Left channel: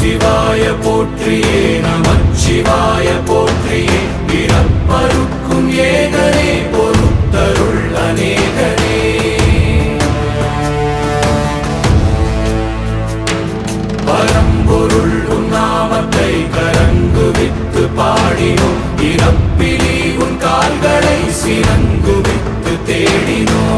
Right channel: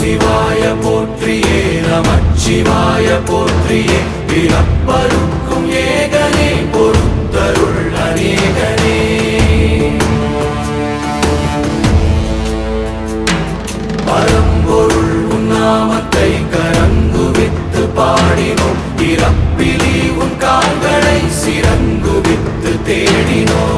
சிவாய போற்றியே நமச்சிவாய போற்றியே பிறப்பருக்கும் ஏகனே பொறுத்தருள் அநேகனே பரம்பொருள் உன்னாமத்தை கரங்குவித்து பாடினோம் இறப்பிலி உன் கால்களை சிறங்குவித்து தேடினோம்